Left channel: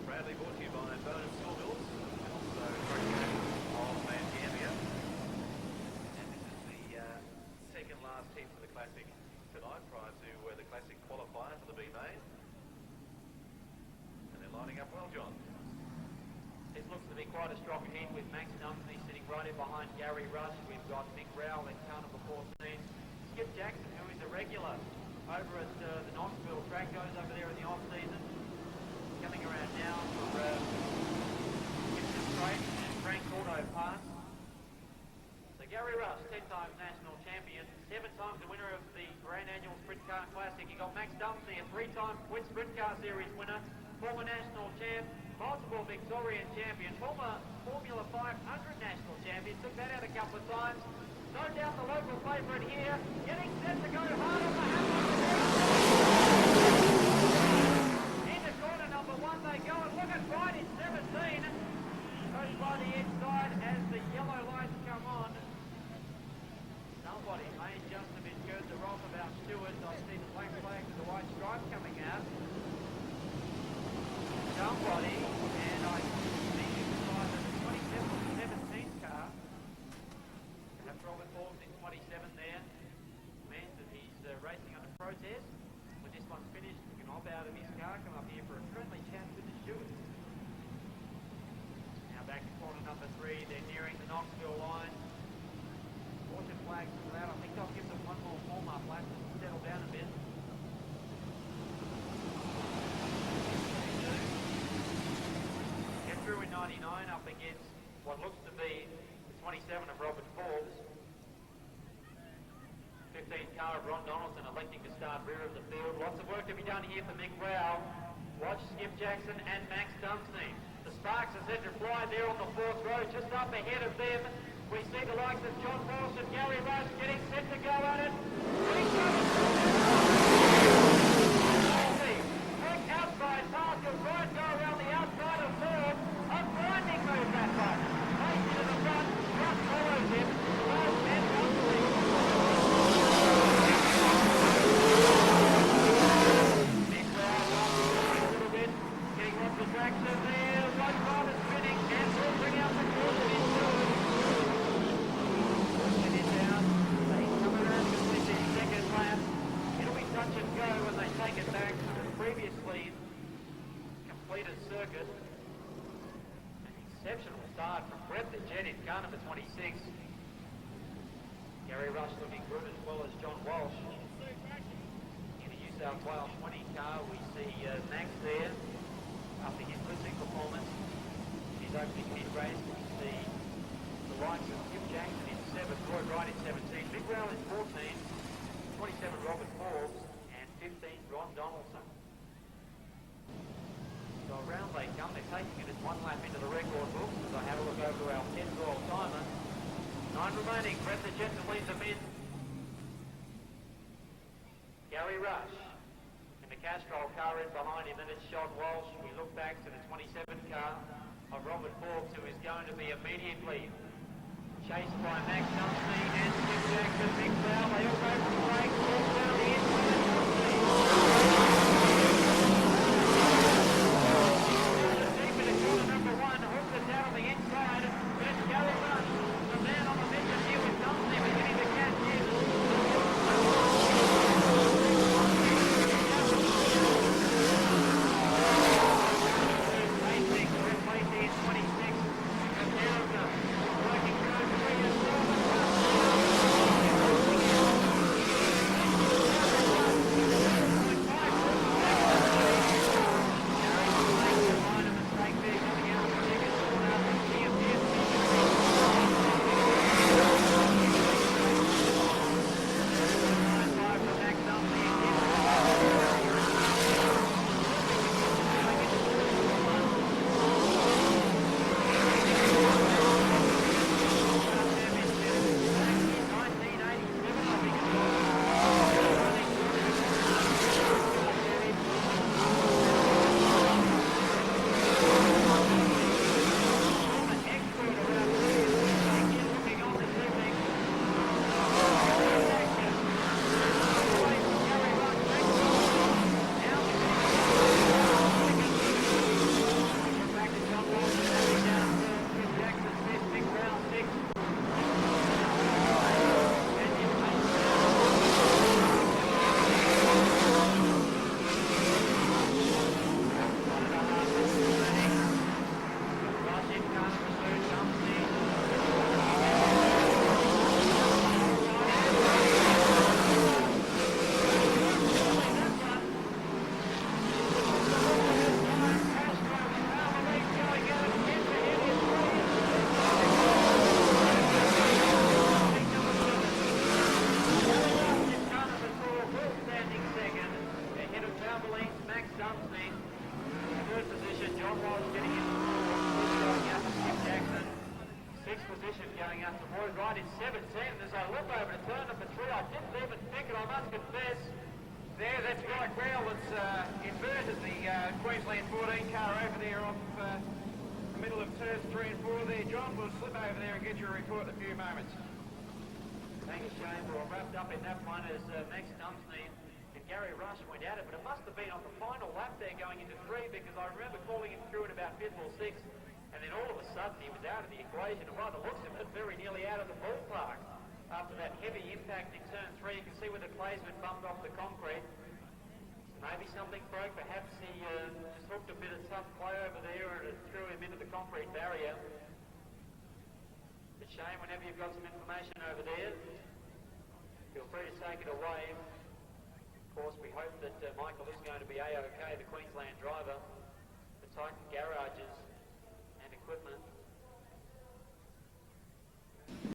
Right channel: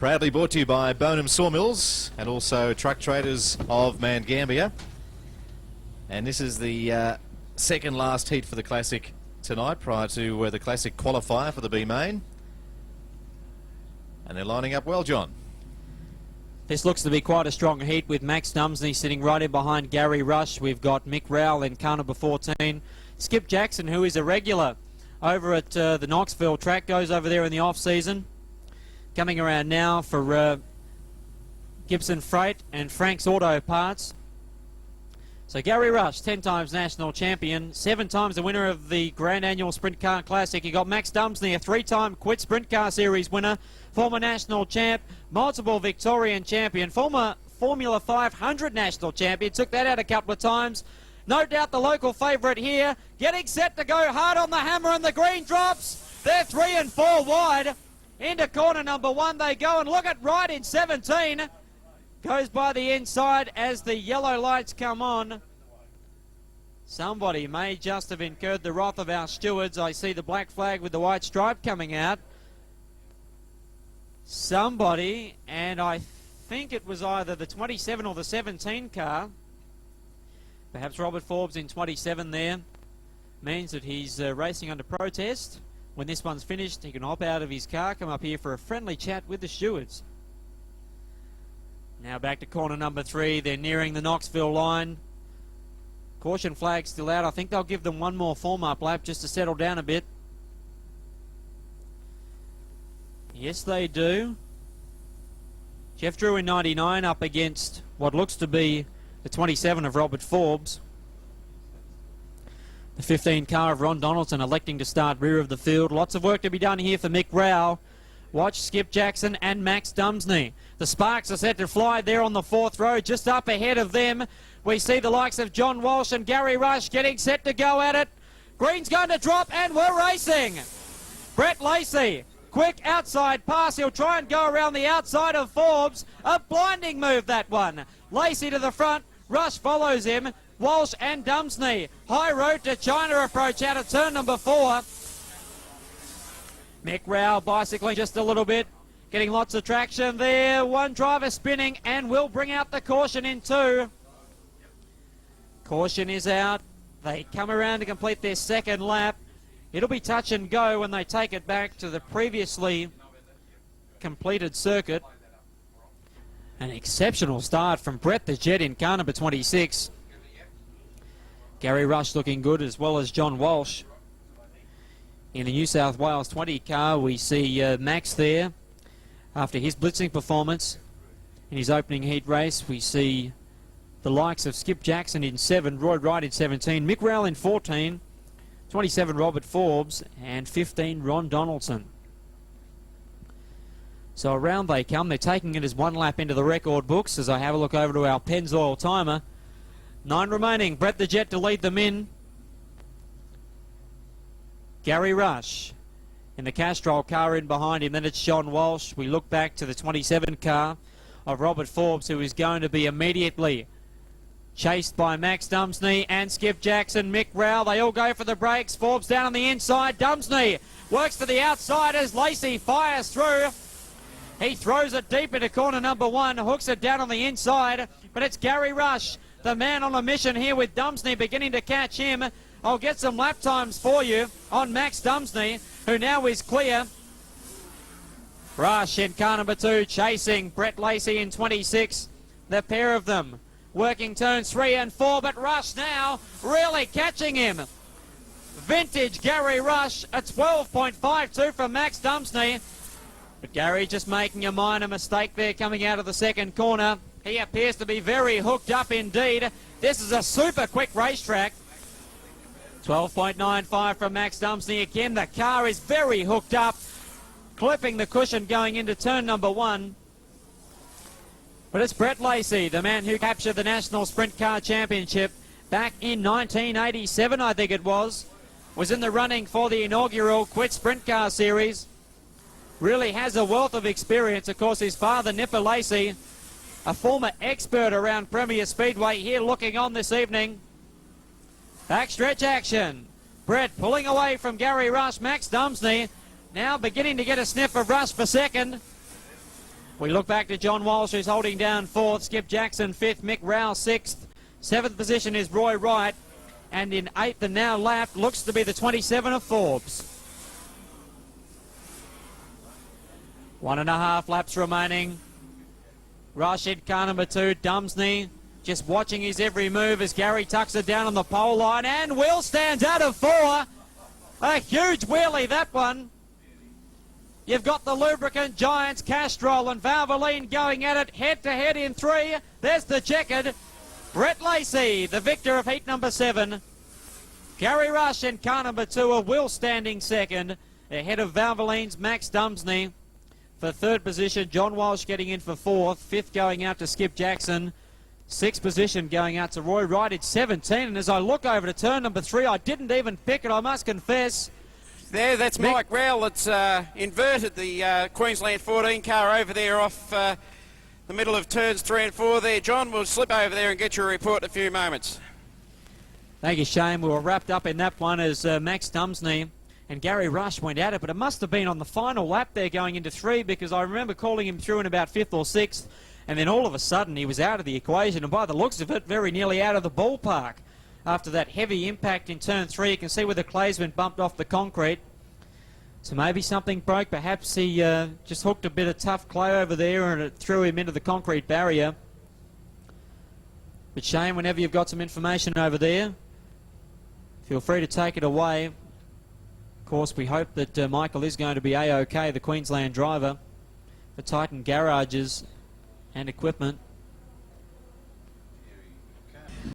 Proudly brought to you by Bonham Sawmills and also Truck Traders of Mangambia. And this is the second last heat for the Classic tonight prior to the Classic qualifier for the B main. And they're lining up well, John. This looks to be quite a strong heat with Max Dumsney sitting right in behind Gary Rush. We've got Mick Rowell in car number 14. Skip Jackson, who is a regular over at the Knoxville track, goes over there in the off-season. Coming around now for Gibson Freight and Frank's Auto Parts. So Gary Rush, 10 times national champion, 7 times the winner of the Grand Annual Sprint Car Classic. You got Max Dumsney, a 3-time Quid Sprint Car Series winner, former national champ, multiple Victorian champion, former Formula 500 national champion, took that out a couple of times. No doubt the local favourite here, getting set to go hard on the hammer, and the green drops. They're 3 and 4 wide. Into corner number 1 they go, and look at right in 17. Goes by the inside as the yellow lights come on. Somebody may just have incurred the wrath of our stewards. I see the black flag with the white stripe coming out. Somebody, and I think it was either the 27 or the 17 car. Perhaps Robert Forbes in 27 there. Means that he's racing under protest. When this one's finished, he can hop out of his car, come up here for a friendly chat with the stewards. Now back to corner number 3. They're nearing the Knoxville line. Caution flag still out. I think they'll give them one more form-up lap just to settle down a bit. Yes, they do. Jeff Drew in 99 up against what looks to be the 27 of Robert Forbes. The 15 car of Ron Donaldson electing to start rear of the field. Lots of work to be done here for Mick Rowell. Watch Skip Jackson and Max Dumsney. The sparks are set to fly there on the 4th row. Just up ahead of them, we see the likes of John Walsh and Gary Rush getting set to go at it. Green's going to drop, and we're racing. Brett Lacey, quick outside pass. He'll try and go around the outside of Forbes. A blinding move, that one. Lacey to the front. Rush follows him. Walsh and Dumsney. High road to China approach out of turn number 4. Mick Rowell bicycling just a little bit. Getting lots of traction there. One driver spinning and will bring out the caution in 2. Caution is out. They come around to complete their second lap. It'll be touch and go when they take it back to the previously completed circuit. An exceptional start from Brett the Jet in car number 26. Gary Rush looking good, as well as John Walsh. In the New South Wales 20 car, we see Max there after his blitzing performance in his opening heat race. We see the likes of Skip Jackson in 7, Roy Wright in 17, Mick Rowell in 14, 27 Robert Forbes, and 15 Ron Donaldson. So around they come. They're taking it as 1 lap into the record books as I have a look over to our Pennzoil timer. 9 remaining. Brett the Jet to lead them in. Gary Rush in the Castrol car in behind him. Then it's John Walsh. We look back to the 27 car of Robert Forbes, who is going to be immediately chased by Max Dumsney and Skip Jackson. Mick Rowell, they all go for the brakes. Forbes down on the inside. Dumsney works to the outside as Lacey fires through. He throws it deep into corner number 1, hooks it down on the inside, but it's Gary Rush, the man on a mission here with Dumsney beginning to catch him. I'll get some lap times for you on Max Dumsney, who now is clear. Rush in car number 2, chasing Brett Lacey in 26. The pair of them working turns 3 and 4, but Rush now really catching him. Vintage Gary Rush, a 12.52 from Max Dumsney. Gary just making a minor mistake there coming out of the second corner. He appears to be very hooked up indeed. This is a super quick racetrack. 12.95 from Max Dumsney again. The car is very hooked up, flipping the cushion going into turn number 1. But it's Brett Lacey, the man who captured the National Sprint Car Championship back in 1987, I think it was in the running for the inaugural Quid Sprint Car Series. Really has a wealth of experience. Of course, his father, Nipper Lacey, a former expert around Premier Speedway, here looking on this evening. Backstretch action. Brett pulling away from Gary Rush. Max Dumsney now beginning to get a sniff of Rush for second. We look back to John Walsh, who's holding down 4th, Skip Jackson 5th, Mick Rowell 6th. 7th position is Roy Wright, and in 8th and now lap looks to be the 27 of Forbes. 1.5 laps remaining. Rush in car number 2, Dumsney, just watching his every move as Gary tucks it down on the pole line, and Will stands out of 4. A huge wheelie, that one. You've got the lubricant giants, Castrol and Valvoline going at it head-to-head in 3. There's the checkered. Brett Lacey, the victor of heat number 7. Gary Rush in car number 2, a Will standing 2nd. Ahead of Valvoline's Max Dumsney. For 3rd position, John Walsh getting in for 4th. 5th going out to Skip Jackson. 6th position going out to Roy Wright. It's 17, and as I look over to turn number 3, I didn't even pick it, I must confess. There, that's Mike Rowell that's inverted the Queensland 14 car over there off the middle of turns 3 and 4 there. John, we'll slip over there and get your report in a few moments. Thank you, Shane. We were wrapped up in that one as Max Dumsney and Gary Rush went at it, but it must have been on the final lap there going into 3, because I remember calling him through in about 5th or 6th, and then all of a sudden he was out of the equation, and by the looks of it, very nearly out of the ballpark. After that heavy impact in turn 3, you can see where the clay's been bumped off the concrete. So maybe something broke. Perhaps he just hooked a bit of tough clay over there and it threw him into the concrete barrier. But Shane, whenever you've got some information over there, feel free to take it away. Of course, we hope that Michael is going to be A-OK, the Queensland driver for Titan Garages and Equipment.